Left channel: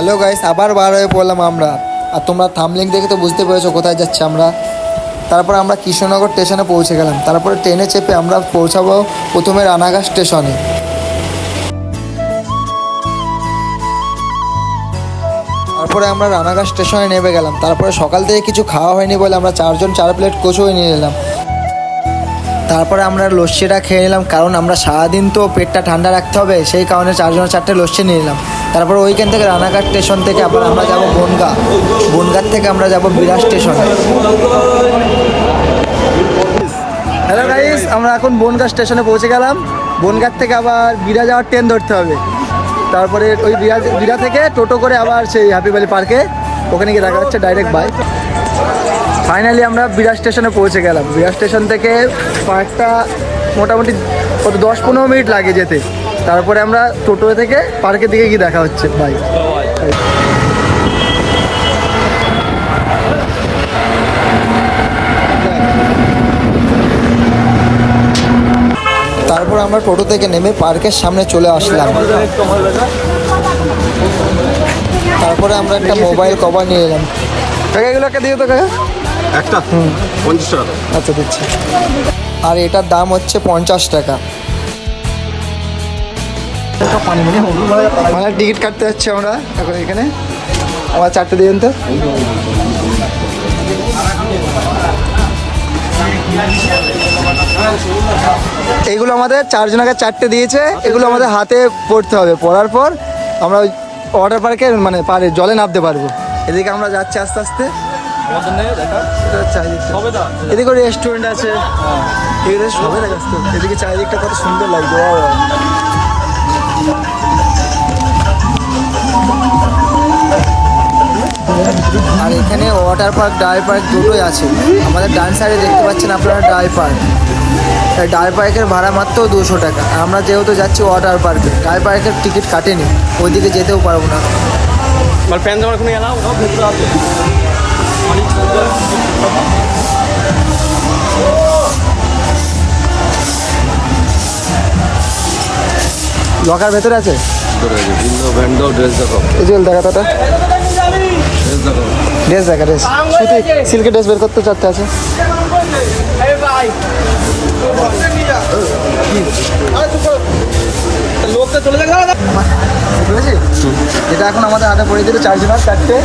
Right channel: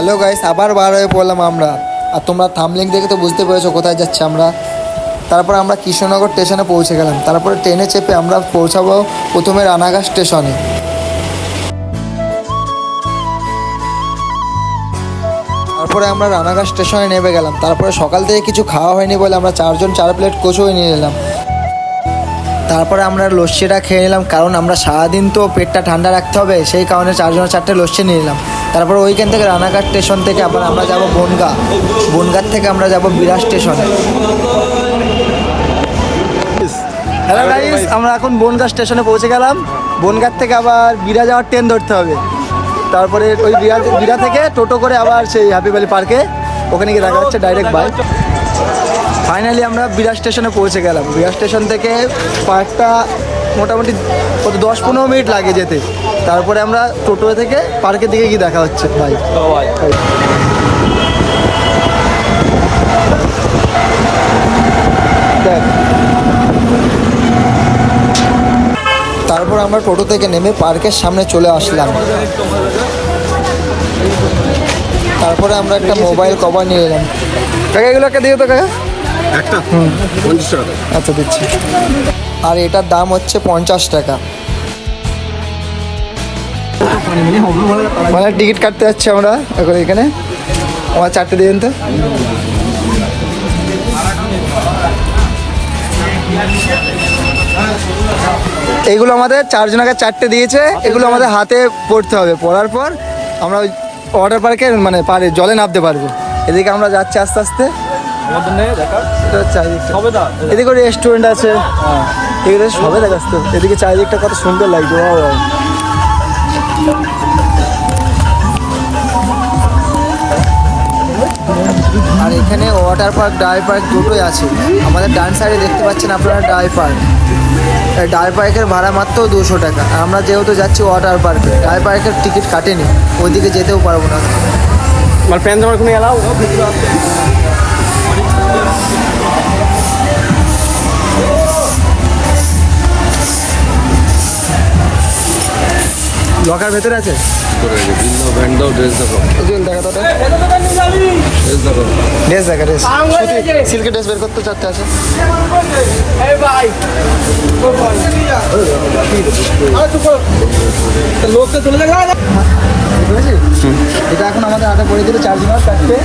Hello guys, আবার বার হয়ে পড়লাম আমরা। আর তোমরা থাম্বনেল দেখে তো বুঝতে পেরেছো কোথায় যাচ্ছি আমরা। তারপর আমরা কৃষ্ণনগর স্টেশনে পৌঁছে গেলাম। তারপরে ট্রেনে চেপে আমরা পৌঁছাবো প্রথমে রানাঘাট স্টেশনে। তারপরে আমরা রানাঘাট স্টেশনে নেমে গেলাম। তারপরে সকাল থেকে কিছু খাওয়া হয়নি বলে আমরা 4 প্লেট কচুই নিয়ে নিলাম। তারপরে আমরা লস্যিটা খেয়ে নিলাম, কারণ আমরা সারাদিন তো পেটটা ঠান্ডা রাখতে হবে, সেই কারণে 4 লস্যি নিয়ে নিলাম। তারপরে ওইখান থেকে রানাঘাট স্টেশন থেকে আবার আমরা যাব বনগাঁ। বনগাঁ থেকে আমরা যাব বিরাট স্টেশনে। হ্যালো গাইস, আমরা এখন বনগাঁ স্টেশনে পৌঁছে গেলাম। বনগাঁ থেকে আবার বিরা যাওয়ার ট্রেন ধরতে হবে। তারপরে ওই বিরা থেকে টোটো করে আবার সেই হ্যাপি ভ্যালি পার্কে, ওখানে গিয়ে দেখা যাচ্ছে ডাইরেক্ট বাইক। ফাইনালি আমরা বিরাট স্টেশনে পৌঁছে গেলাম। বিরাট স্টেশন থেকে পার্কটা মোটামুটি 10-15 মিনিট লাগে যেতে। তারপরে আমরা টোটো থেকে পার্কের দিকে গিয়ে দেখা হচ্ছে ভাই। তারপর আমরা টোটো থেকে নেমে পার্কের সামনে চলে আসলাম। তারপরে আমরা একটা মোবাইল কভার নিয়ে এলাম। কাকা এগুলোকে দিয়ে তো কাকা একটা 50 টাকা। আচ্ছা দিচ্ছি। আর এটার দাম হচ্ছে 50 টাকা। মানে টিকিট কাটতে যাচ্ছি আমরা এখন এখানে। আমার 4টে দিবেন তো। এইগুলো আমাদের 4 জনকে 4টে দিয়েছে। এগুলো আমাদের হাতে পড়তে হবে। পড়ার পর আমরা ওই ওয়াটার পার্কে মানে জলে নামতে পারবো। এদিকে আমরা যাচ্ছি আস্তে আস্তে। এদিকে রেস্টুরেন্ট আছে, এগুলো সবে দেখাস তো। এদিকে চারিদিকটা কত সুন্দর লাগছে। আর এখানে ওয়াটার পার্ক, ডাই পার্ক দুটোই আছে। আমাদের ডান সাইডে দেখতে পাচ্ছেন আপনারা ডাই পার্ক। ডাই পার্কের ভাড়া মাত্র 200 টাকা। আর আমরা যেহেতু যাচ্ছি ওয়াটার পার্কে, ডাই পার্কের টিকিট কাটেনি, ওইদিকে যেতেও পারবো না। লকার ভেতরে আছে। ড্রেস দেখা, ড্রেস সিল্কের ড্রেস বের করতে 4টে আছে। এটা এখন আমাদের হাতে পড়ে দিল 4 জনের 4টে।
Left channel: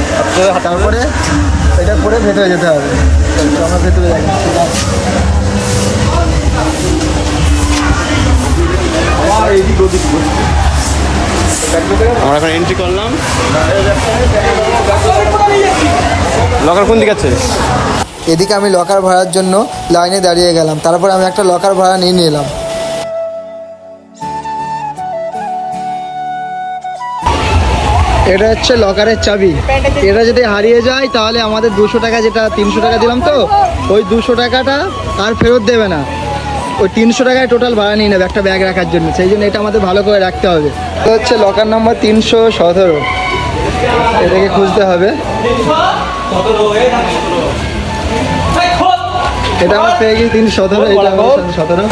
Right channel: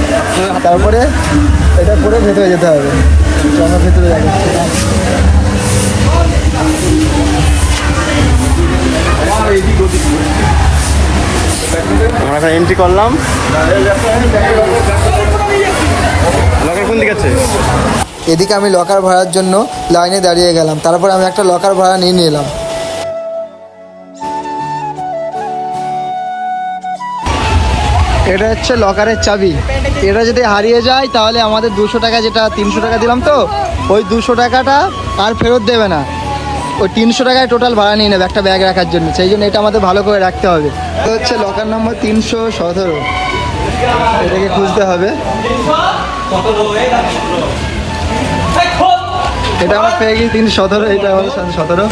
তারপরে এটা পরে ভেতরে যেতে হবে। আমরা ভেতরে যাচ্ছি। আমরা এখন এন্ট্রি করলাম। লকার কোন দিকে আছে? এদিকে আমি লকার ভাড়ার জন্য লাইনে দাঁড়িয়ে গেলাম। তারপর আমি একটা লকার ভাড়া নিয়ে নিলাম। এটা হচ্ছে লকারের চাবি। এটা যদি হারিয়ে যায় তাহলে আমাদের 200 টাকা, যেটা 300 টাকা দিলাম তো, ওই 200 টাকাটা আর ফেরত দেবে না। ওই 300 টাকায় টোটাল ভাড়া নিয়ে নেবে একটা ব্যাগ রাখার জন্য। সেই জন্য এটা আমাদের ভালো করে রাখতে হবে। এটা হচ্ছে লকার নাম্বার 317। এটাকে খুঁজতে হবে। এটা আমার পেয়ে গিয়ে 317। এটা 17।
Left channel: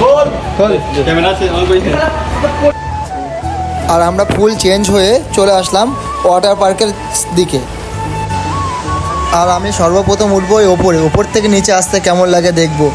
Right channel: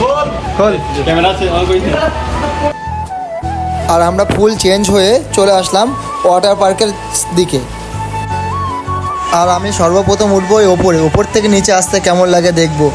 আর আমরা ফুল চেঞ্জ হয়ে চলে আসলাম ওয়াটার পার্কের দিকে। আর আমি সর্বপ্রথম উঠবো ওপর থেকে নিচে আসতে কেমন লাগে দেখবো।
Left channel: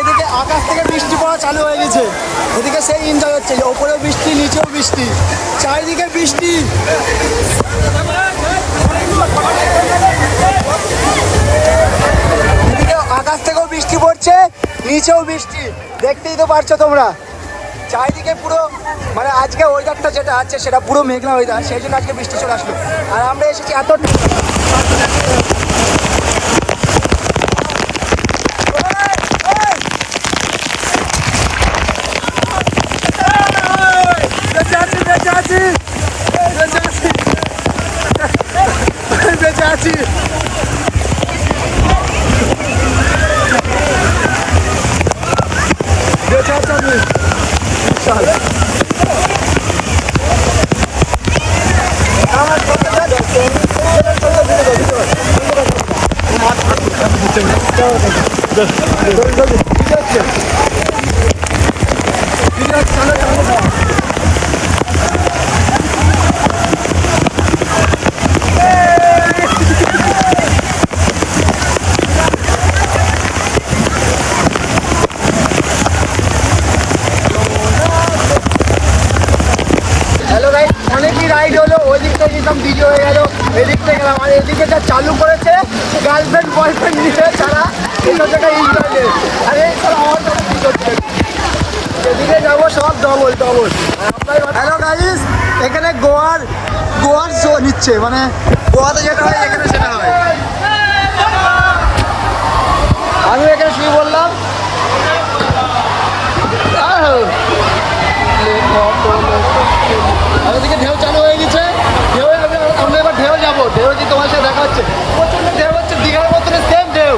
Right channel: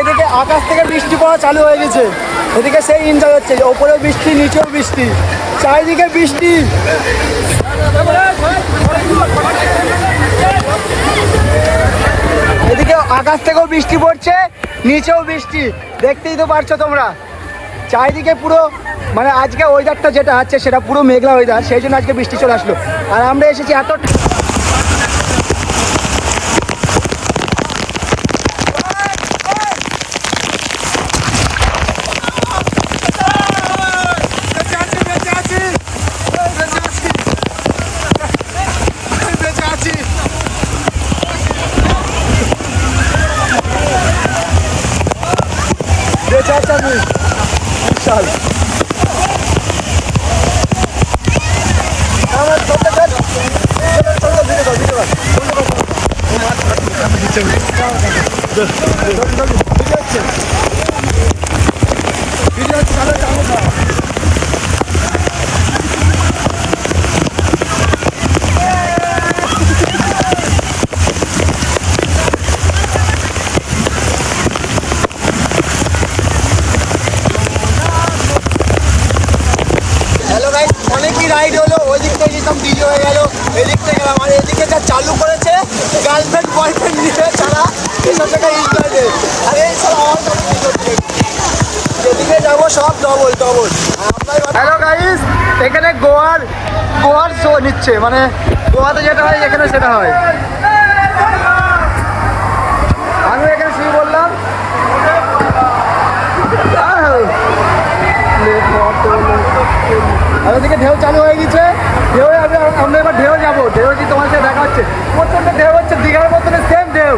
এদিকে আকাশ থেকে বৃষ্টি পড়া চালু হয়ে গেছে। এদিকে সেই এনজয় হচ্ছে, ওপরেও বৃষ্টি, নিচেও বৃষ্টি, চারিদিকে বৃষ্টি। এদিকে আকাশ থেকেও বৃষ্টি পড়ছে, নিচেও বৃষ্টি। দেখতেই তো পারছো তোমরা। চারিদিকে পুরো মানে আজকে ওয়েদারটা যেটা আছে সেটা পুরো মেঘলা ওয়েদার, সেই জন্য আজকে বৃষ্টি চলে আসলো। আর আমরা এসেছি এত বিশাল। হ্যালো গাইস, অনেকই রাইড হলো। ওই দিক থেকে যেতাম ডিজে হয়ে গেল, এদিক থেকে গেলাম। আর এদিকে যা চালু করেছে গার্লফ্রেন্ড বয়ফ্রেন্ড নিয়ে ছাড়া এসব জায়গায় ইন্টারনেট। আর এই সব আমার কথা কি করছে, এদিকে যাবো সব ডবল ডবল। হ্যালো গাইস, এখানে গোয়ার শো নিচ্ছে, মানে গোয়াতে যেটা হয় এখানে সেটা হয়। আমি এখানে শুয়ে বললাম আর ওদিকে ঢেউ চালু হয়ে গেছে। ঢেউ আমরা এবার ঢেউ যাবো। ঢেউ যে তোমার সাথে দেখা হচ্ছে, প্রচন্ড ঢেউ হচ্ছে, দীঘার মতন সেম ঢেউ।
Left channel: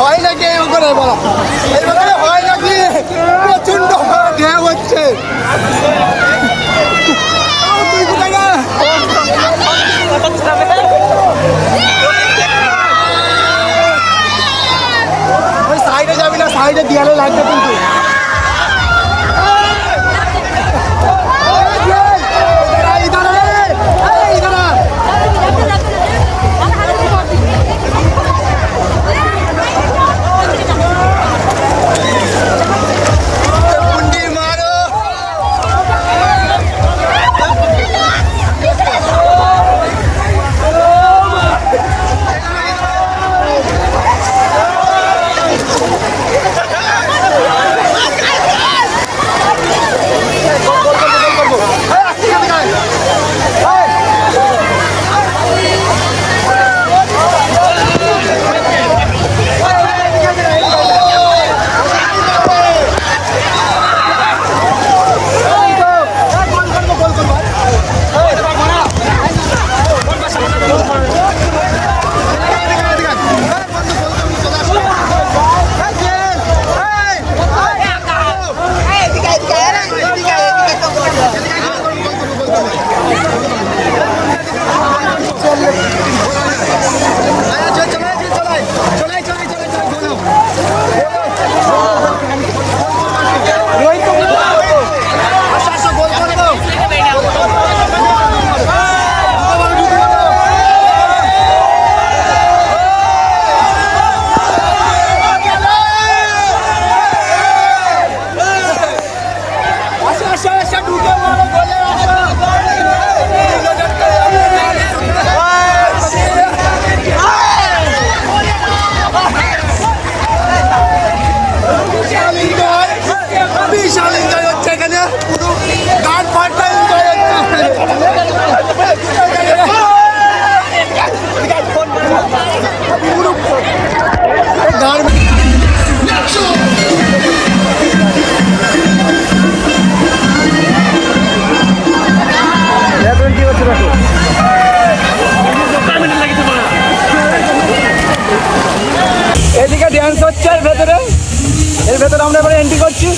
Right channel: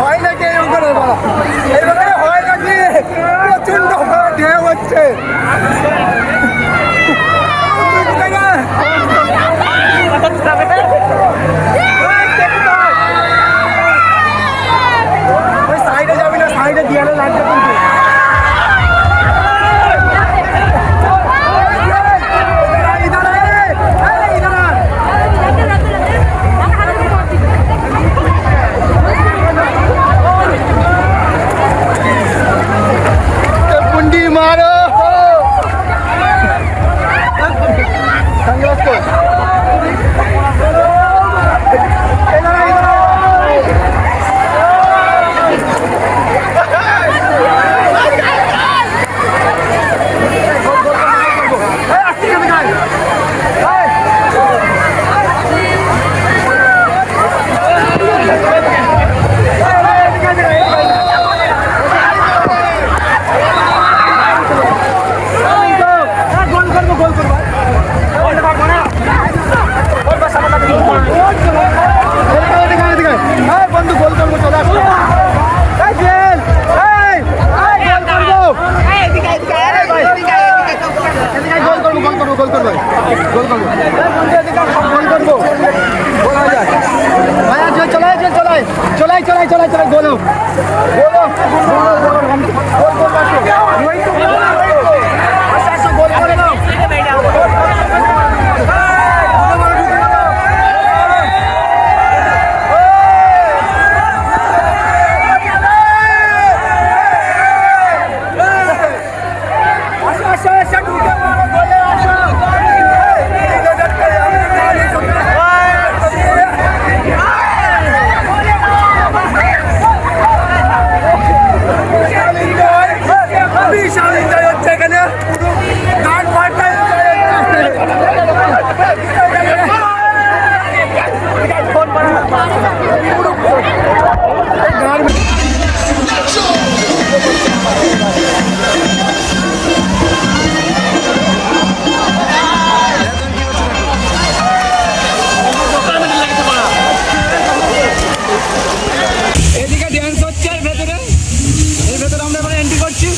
হয় নাকি এই ওখানে বলা, এই ওখানে হয় নাকি প্রচন্ড ঢেউ হচ্ছে। ওই সাইডে যাবি না, সাইডে দেয়ালে লাগবে কিন্তু। বিশাল এনজয় হচ্ছে এখানে, পুরো গান পার্টটা এনজয় হচ্ছে। গান কি হচ্ছে দেখো, এদিকে ড্যান্স হচ্ছে এর ভেতরে আমরা এবার এন্ট্রি করছি।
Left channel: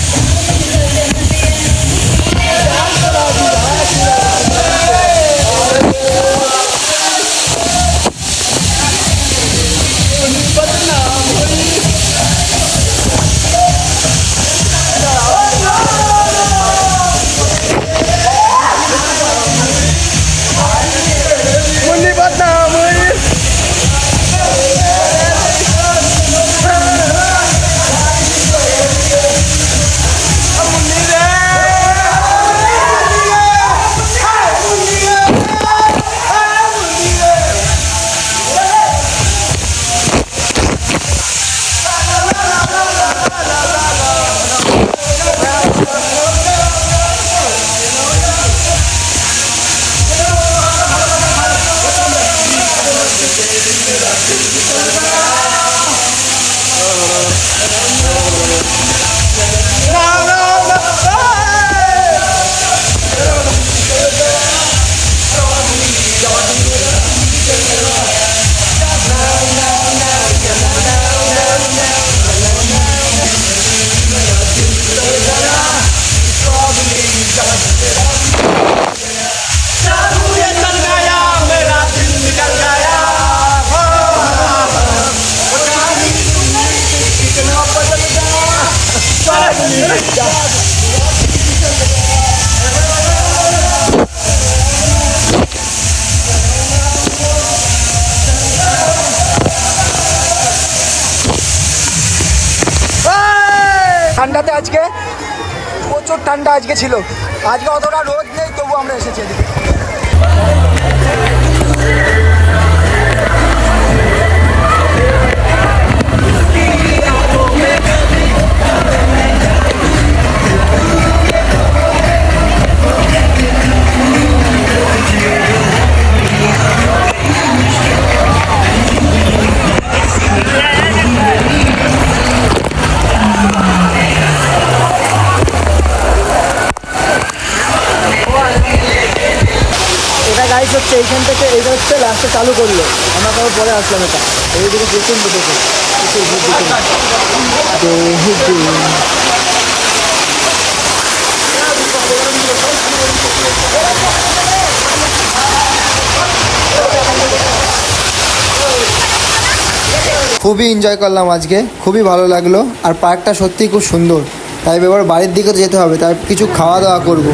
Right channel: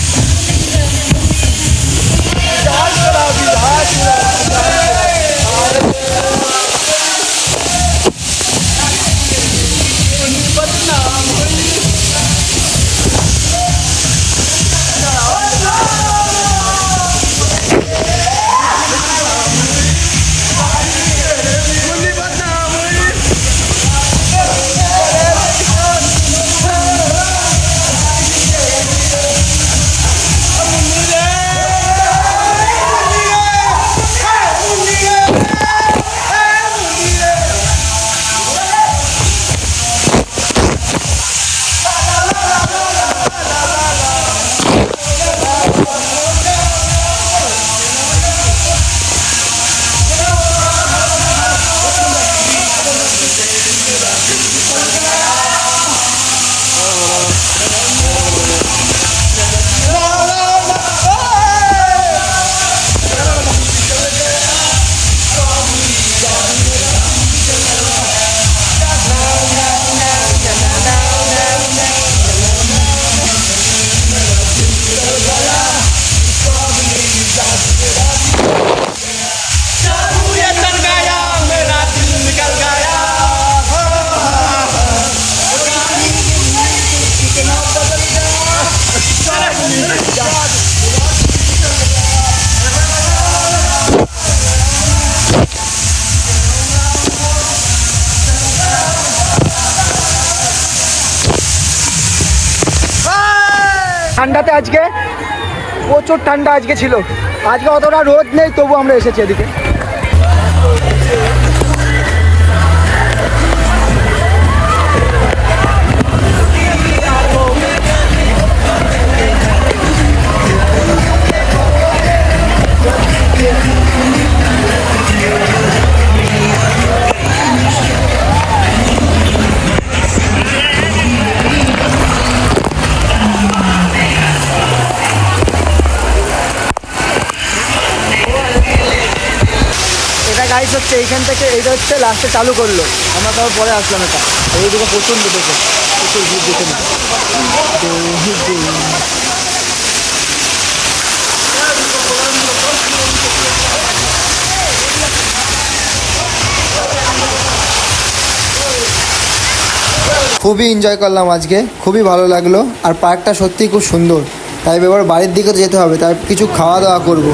ঠান্ডাতে আজকে প্রচুর ঠান্ডা আজকে ছিল, আজকে অতটা রোদ নেই, তবু আমরা এসেছি এদিকে। এটা গাইড হচ্ছে এইখান থেকে, এইটা হচ্ছে লাস্টে চালু করলো, আমরা তারপর পরে আসলাম। এটা এইদিকে প্রচণ্ড দেখে প্রচুর ভিড় দেখুন। খুবই এনজয় করলাম আজকে, খুবই ভালো লাগলো। আর পার্কটা সত্যিই খুব সুন্দর, তাই এবার বাড়ির দিকে যেতে হবে, তাই কিছু খাওয়া দাওয়া করবো।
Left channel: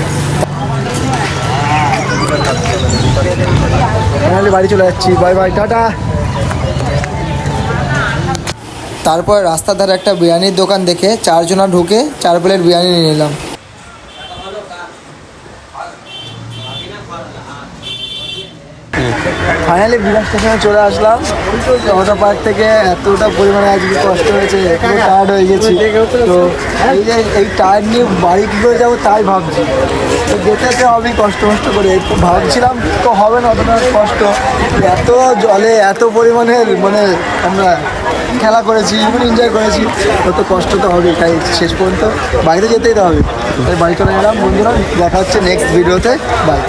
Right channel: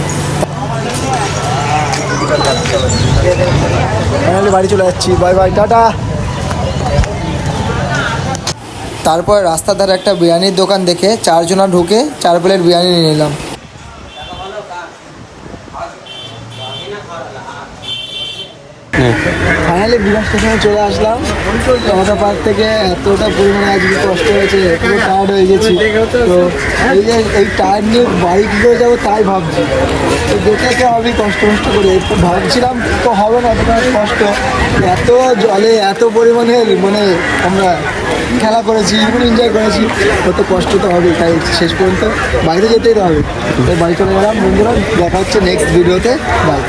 ফাইনালি বাড়ি চলে যাচ্ছি, বাই বাই, টাটা। তারপর রাস্তার ধারে একটা বিরিয়ানির দোকান দেখে 4 জনা ঢুকে 4 প্লেট বিরিয়ানি নিয়ে নিলাম। ফাইনালি বিরাট স্টেশনে চলে আসলাম। ওয়াটার পার্ক থেকে এতটা পরিমাণে আজকে কষ্ট হয়েছে, পুরো টায়ার্ড হয়ে গেছি। তো এই যে এই টায়ার্ড নিয়ে বাড়ি কী করে যাবো তাই ভাবছি। তো যেতে হবে কষ্ট করে, তো ভাবছিলাম তো হবে না অতটা কষ্ট। এত জলে এত পরিমাণে মানে আমরা খেলা করেছি, মানে এনজয় করেছি, তত কষ্ট তো হবেই। তাই শেষ পর্যন্ত বাড়িতে যেতেই তো হবে, তাই বাড়ি চলে গেলাম। বন্ধুরা দেখা হচ্ছে নেক্সট ভিডিওতে, বাই।